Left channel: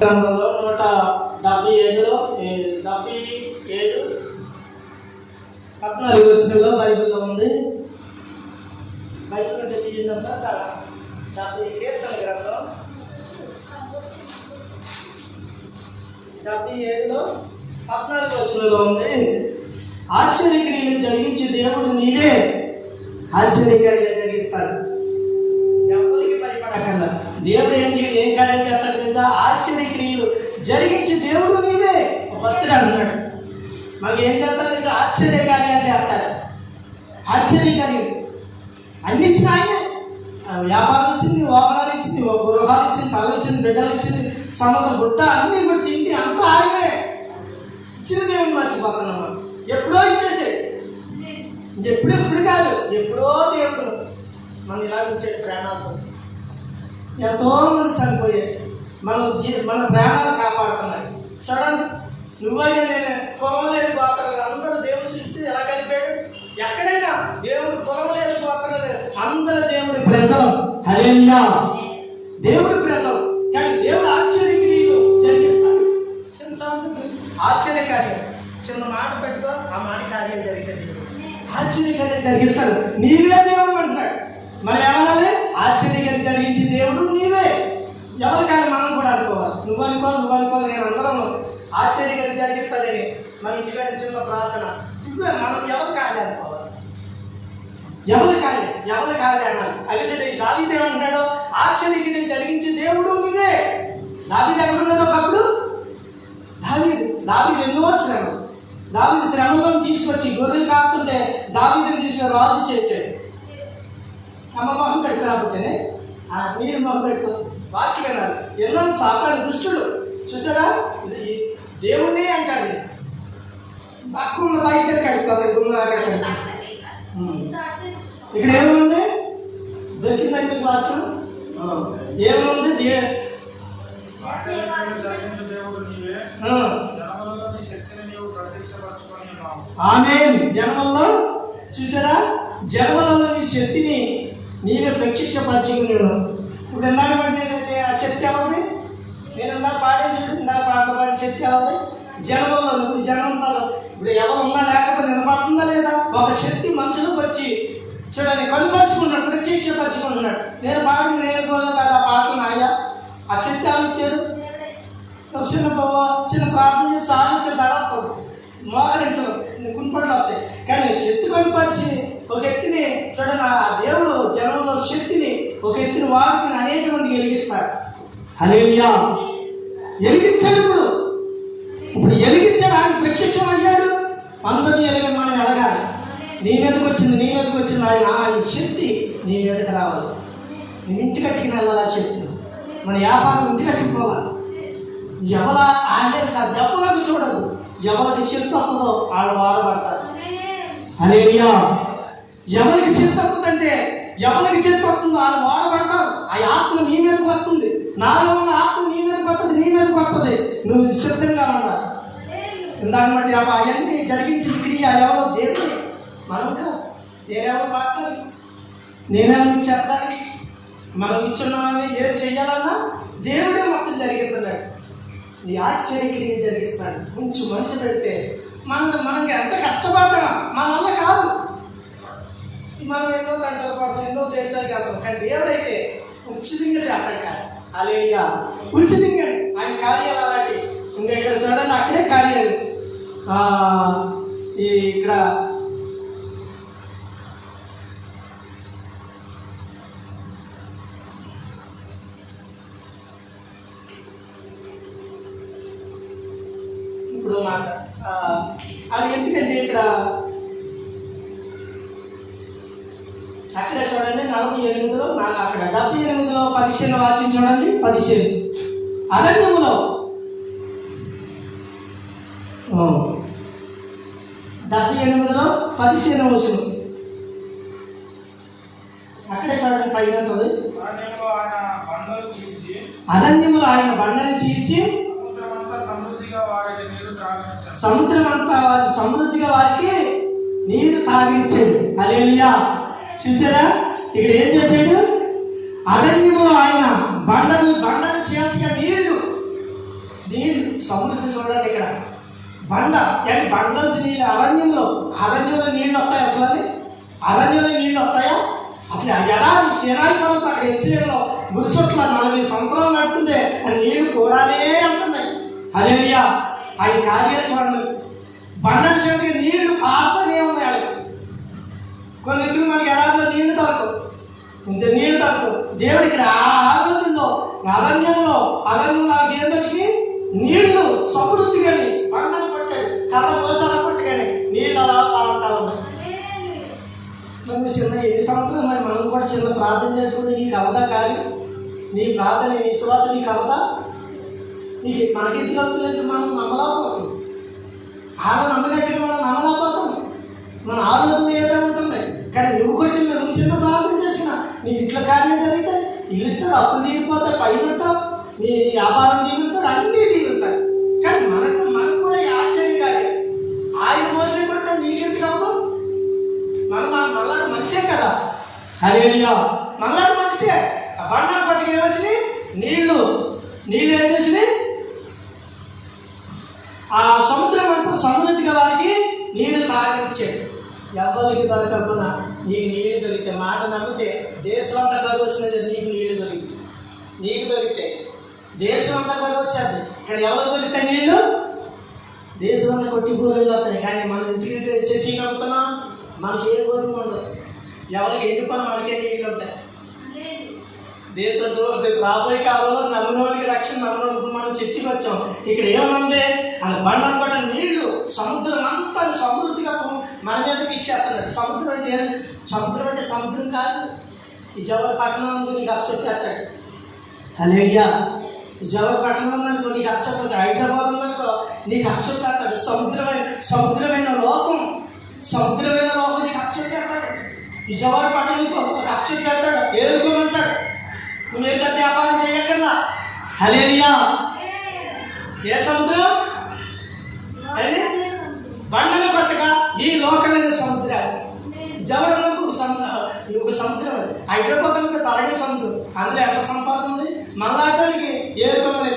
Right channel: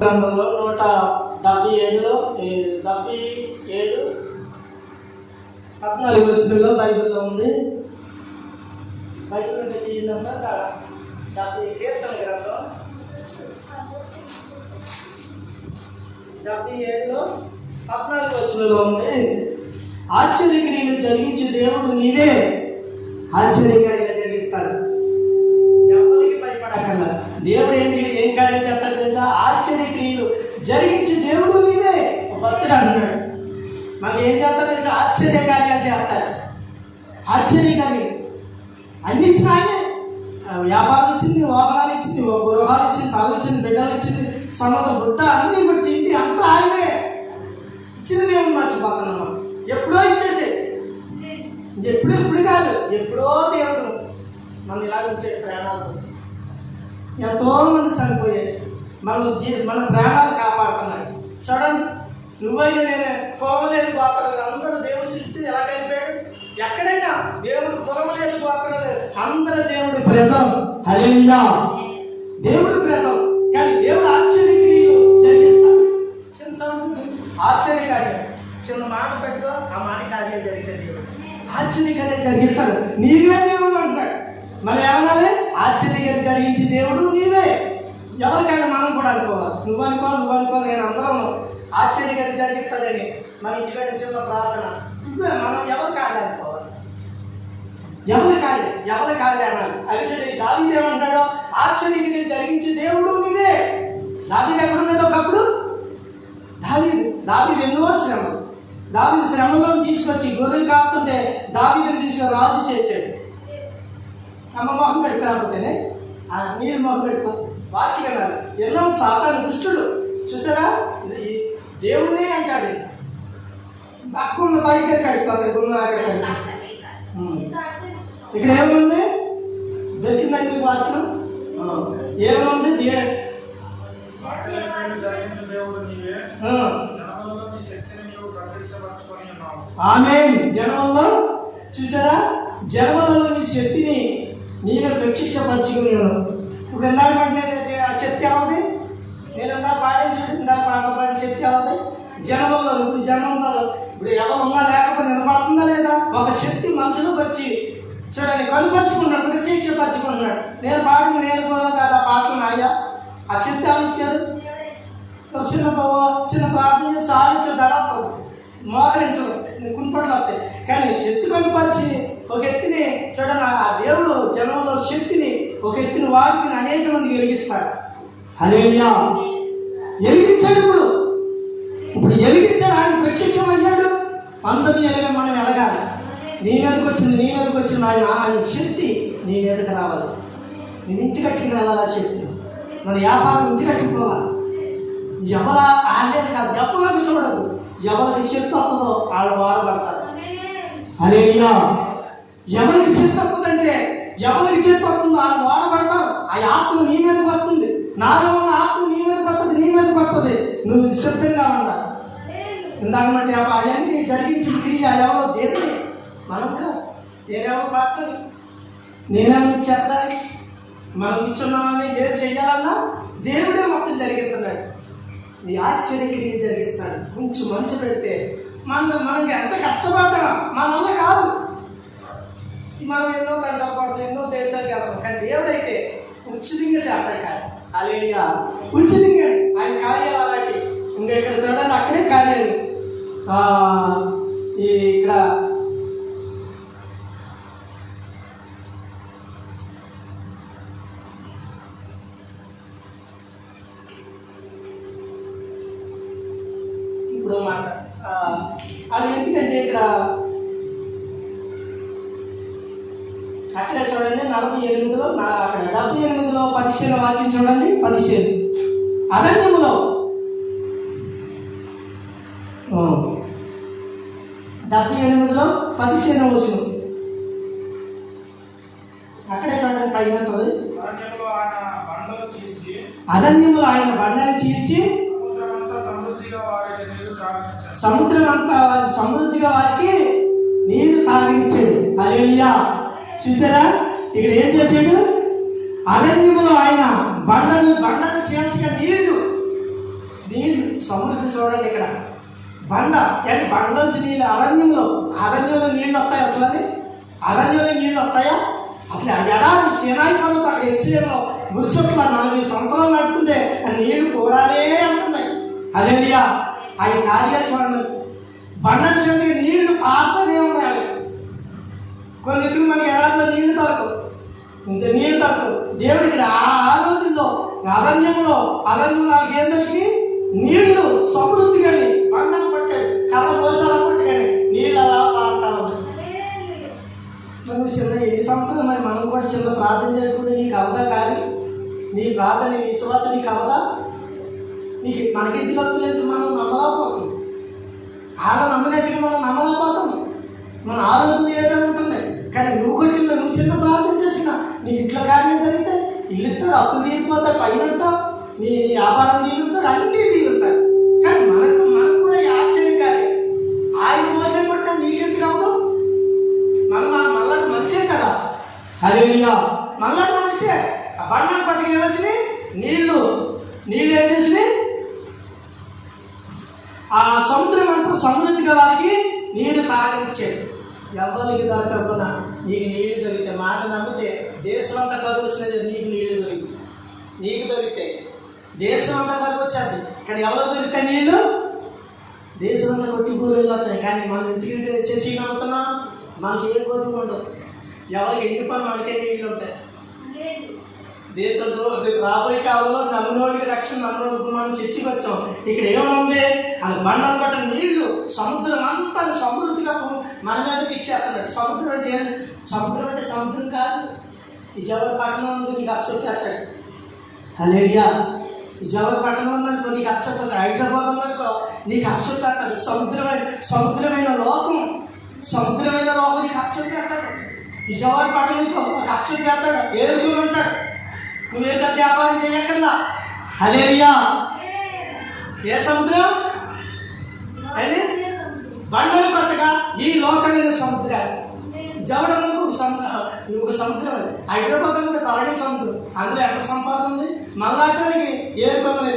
గ్రంథంలో 177:14 బైబిల్లో ఉంది. బైబిల్ అంటే తీయండి. 70 కీర్తన గ్రంథం 77:14 ఉంది. ఆశ్చర్యక్రియలు జరిగించే దేవుడు నీవే, ఆశ్చర్యకార్యాలు జరిగిస్తాడు. ఎవరికి భయపడకల్లా. దేవుడు ఏం కార్యాలు చేస్తాడు తెలుసా? ఆశ్చర్యక్రియలు జరిగించే దేవుడు నీవే. భక్తుడు అంటున్నాడు, మనకి ఏం చేస్తాడు తెలుసా? ఆశ్చర్యకార్యాలు చేస్తాడు. ఆశ్చర్యకార్యాలు అన్ని ఇచ్చిన ఆయనే. వ్యాపారం ఇచ్చింది, వాహనాలు ఇచ్చింది, గృహాలు ఇచ్చింది, తల్లు ఇచ్చింది, బిడ్డలు ఇచ్చింది, సముద్ర బుట్ట అన్ని బట్టి తిండి అంతా ఆయనే ఇచ్చిన. దేవుడు మర్చిపోతున్నాం. ఎప్పుడో ఇచ్చేసే, ఎప్పుడు కాదు, ఎప్పుడో దేవుడు మన ఇలా ఇచ్చే ప్రాణాలతో. ఎంతోమంది చనిపోయాయి, మన ప్రాణాలు కాపాడుతున్నాయి. చూడండి, నువ్వైనా నేను పొగలేని గోత్రాలు అందరూ దేవుడు సృష్టి ఎలా కలిపాడు. ఎక్కడైనా దేవుడు పొగలేని గోత్రాలు అందరూ దేవుడి ప్రజలు. హల్లెలూయా, దేవుడి ప్రజలు. కానీ దేవుడు ఆశ్చర్యక్రియలు జరిగిస్తాడు. చిన్న సమస్య ఆశ్చర్యకార్యం, చిన్న మాట పెట్టుకో, ఆ మాట కార్యాలు జరిగితే దేవుడు ఆశ్చర్యకార్యం జరిగిస్తాడు. నీవే దేవుడు అంటున్నాడు. మరి ఏమనాలి? ఆశ్చర్యకార్యం జరిగించి దేవుడు నీవే. ఎవరికైనా మనం కూడా అనుకోవాలి. నువ్వు అనుకోవాలి, నేను అందరం ఆశ్చర్యకార్యం జరిగిస్తాడని మన ఇంటికాడ చిన్న ప్రార్థన. మనం ఎవరు కాలే అనుకోవాలి, ఎవరి కాలే అన్నాడు. అవి దావీదు ఏమంటాడు? ఆశ్చర్యక్రియలు జరిగించి దేవుడు నీవే. దావీదు ఎక్కడ ఉన్నాడు ఒకప్పుడు? దావీదు ఎన్నో శ్రమలు. దావీదు శ్రమలను తీసుకొచ్చి గొర్రెలు కాకుంటే దావీదుని తీసుకొని రాజు చేశాడు. అమ్మ మొహం పెట్టుకోకపోతేనే మీరు మొహం పెట్టుకో. వాక్యం వినాలి. ఎన్నో సాతాను దుష్టుడు చూసారా? ఇది దేవుని అంటాడు. అక్కడ బయటకి కడుక్కో, ఇక్కడ ఏముంది? దొరికిందండి వాక్యం. ఏముంది? ఆమేన్. జన్మల్లో చూసారా? జన్మలలో నీ శక్తిని నీవే ప్రత్యక్షపరచుకున్నాను. ఇప్పుడు ఎన్నాళ్ళంటే ఆ శక్తి అవ్వదు. నేను పాట పాడిన శక్తి అవ్వదు. జన్మల్లో నువ్వు జన్మంలో ఇప్పుడు ఎవరు ఉన్నా లేకపోతే నిలబడుతుందా లేదా? ఒక శక్తి మనసులోకి వచ్చి చూడండి కనుపరుచుకున్నాడు, ప్రత్యక్షపరచుకున్నాడు. నేను కూడా కదా పాటలు నాయా. ఆ శక్తి ఎవరు ఇచ్చారు? చిన్న ప్రార్థన చేసి సాధించే దడవుతుంది, మోకరించదు, గుంపట్లు వస్తాయి. కానీ శక్తి కనుపరిచి ఒక ఎత్తిని చూడండి, ఆ దేవుడు జనంలో శక్తిని ఒక ఎత్తిని వారికి అనేక మందికి వెలిగిస్తాడు. హల్లెలూయా, వెలిగించాడు. ఇప్పుడు వెలిగించాడు. ఆయన ప్రత్యక్షం అయ్యాడు. అందరినీ ఎలాగ మనం ఎలగాలి. నీ మీదకి వచ్చింది ఆయన శక్తి నీ మీదకి రావాలి. నేను ఇంటి కట్టుకుని వెళ్ళాలి. ఆ శక్తి మన వ్యాపారం ఇంటి కట్టుకోవాలి. ఎవరు ఆడలేదు కాదు, ఎవరికి చూడదు. ఎవరికి శక్తి వస్తుందో వాళ్ళు వాడబడతారు. హల్లెలూయా, ఎవరికి శక్తి వస్తుందంటే ఎవరికి శక్తి వస్తుందో వాళ్ళు వాడబడతారు. ఆ ఆత్మ నీ మీదకి వస్తుంది. నాలో ఉన్న ఆత్మ నీ మీదకి వస్తుంది. నువ్వు సిద్ధంగా ఉండాలి. ఇందాక మళ్ళీ అవన్నీ జరిగించిన క్రియ ఎవరో దేవుడే, మనం కాదు. నేనెవరో పట్టాలి, నేనేమో చేద్దాన్ని. మనం ఇచ్చున్నామని ఏది చెయ్యాలన్నా దేవుడే మొత్తం జరిగిస్తున్నాడు. నీ ఆశ్చర్యక్రియ జరిగిస్తాడు. కొంచెం మనసు పెడితే మనకి ఎంత కష్టపడ్డా మన వల్ల కాదు. మనం ఎన్నో తంటలు పడతాం, ఎన్నో దేశాలకు వెళ్తాం. కానీ దేవుడైతే ఉచితంగా చేస్తాడు. కాదు హల్లెలూయా, ఉచితంగా ఆయన కార్యాలు అలాంటి. ఇంకా ఇక్కడ చూడండి, అక్కడే కార్యాలు. ఇక్కడ ఇప్పుడు అది ఎందుకంటే ఇక్కడ అక్కడే చూడండి 48లో అక్కడ 78లో 15 వాక్యం చూడండి. 15 అరణ్యములో 78లో 15వ వచనం అక్కడే చూడండి. పైన ఉంటుంది, అరణ్యములో ఆయన బండలు చీల్చి సముద్రం అంతా సమృద్ధిగా వారికి నీరు తాగించాడు. హల్లెలూయా, చూసారా? ఇక్కడ ఏం చేశాడు? అరణ్యములో ఆయన బండలు చీల్చగా నీళ్లు నీళ్ళు సమృద్ధి చూడండి. ఇక్కడ బండ అంటే బండలోంచి నీళ్ళు అరణ్యంలో నీళ్ళు వస్తాయి. అసలు అది అరణ్యంలో నీళ్ళు వస్తాయా? అసలు ఎడారి సీనాయి పర్వతం అక్కడ ఎస్సీలో గుడిచొట్ల 40 సంవత్సరాలు నడుతుంటే ఆ నీళ్లు కూడానే వెళ్తున్నాయి. హల్లెలూయా. ఆయన కార్యాలు చూడండి. బండ చేతికి నీళ్లు పారుతూనే ఉన్నాయి. కొన్ని ఎత్తుకు మనకి ఎడారిలో నీళ్లు దొరకవు, ఇంత నీళ్లు దొరకవు. దేవుడికి ఆ రోజుల్లో అరణ్యంలో ఏం దొరికి నీళ్లు సమృద్ధిగాని బండను పట్టాడు, కర్ర మోసాల పట్టుగాని నీళ్ళు అలా పారుతా ఉన్నాయి. మనం చిన్న ఏ సంవత్సరం మరి మనం కూడా చిన్న ప్రార్థన చేసుకుంటే నీకు అవదా? కానీ నీ ప్రార్థన నీ విశ్వాసం నీకు అవదా? నీకు మనకి ఎందుకు అవుతలేదు? మనం నమ్మలేకపోతాం. అలా నమ్మగట్టిగా మనం నమ్మలేకపోతాం. మన ఆలోచన ఏదో ఉంటుంది. కానీ నువ్వు చిన్న ప్రార్థన చేసినా నీ ఇంట్లో కార్యం జరిగితే ఇల్లుతాడు, అప్పులు తీరిపోతాయి, పైన ఉంటావు, నీ వ్యాపారం తీరుతాడు, అన్నీ తీరుతాయి. కానీ మనకు కూడా ఈ ఆశ్చర్య కార్యం ఆయన మోసం పట్టాం. నీకెందుకు అవ్వదు? మళ్ళాటి మనిషే కదా. హల్లెలూయా. మళ్ళాటి మనిషే. ఆ బండారు పట్టుకు ఏమొచ్చినాయి? నీళ్ళు ఏం చేసినాయి? ఆ సముద్రం అంతా సమృద్ధిగా వారికి నీరు తాగనిచ్చాడు. ఎవరికి దొరకకుండా నీకు నీళ్లు దొరికితే మాట నమ్మితే దేశం అంతా కరువు వచ్చినది. నీకు దొరికితే దేశం అంతా కరువు వచ్చేది. ఇక్కడ ఎవరు దొరికితే నీళ్ళు దేశం అంతా కొట్టి కూరలు వస్తాయి. కానీ మనం ఇంటికి చర్చి నమ్ముతున్నాం, మనకి ఏ కోరిక ఉండదు. ఎవరికి ఎండిపోయి మనకే నీళ్ళు ఉంటాయి. దేశంలో రాబోయే కాలంలో నమ్మినోడికి రక్షణ, నమ్మినోడికి మనం చర్చికి వచ్చాం. ఇక్కడ ఏమనుంది? అది బండను పట్టిన నీళ్లు సముద్రం అంతా సమృద్ధిగా మన మీదకి ఇచ్చేస్తున్నాడు. సముద్రం అంటే సముద్రం కాదు. ఈ జవహర్ పట్టణం ఉందో నీకు అప్పచెప్తాడు. హల్లెలూయా. ఈ జవహర్ పట్టణం ఉందనుకో నీకు అప్పచెప్తాడు. హైదరాబాద్ ఉందనుకో నీకు అప్పచెప్తాడు. సముద్రమైన లోకం నీకు అప్పచెప్తాడు. ఈ జవహర్ పట్టణం నీకు అప్పచెప్తాడు, ఏరుకోమంటాడు. నువ్వేం పెద్ద వ్యాపారం చేయక్కర్లా. హల్లెలూయా. ఏ సముద్రం? బండలు పట్టగా ఈ లోకమైన సముద్రాలు. జవడంలో ఒక సముద్రం, హైదరాబాద్ తరగని సముద్రం. అందులో ఎంత సంపాదన ఉంది? మళ్ళాటికి ఏరుకోమని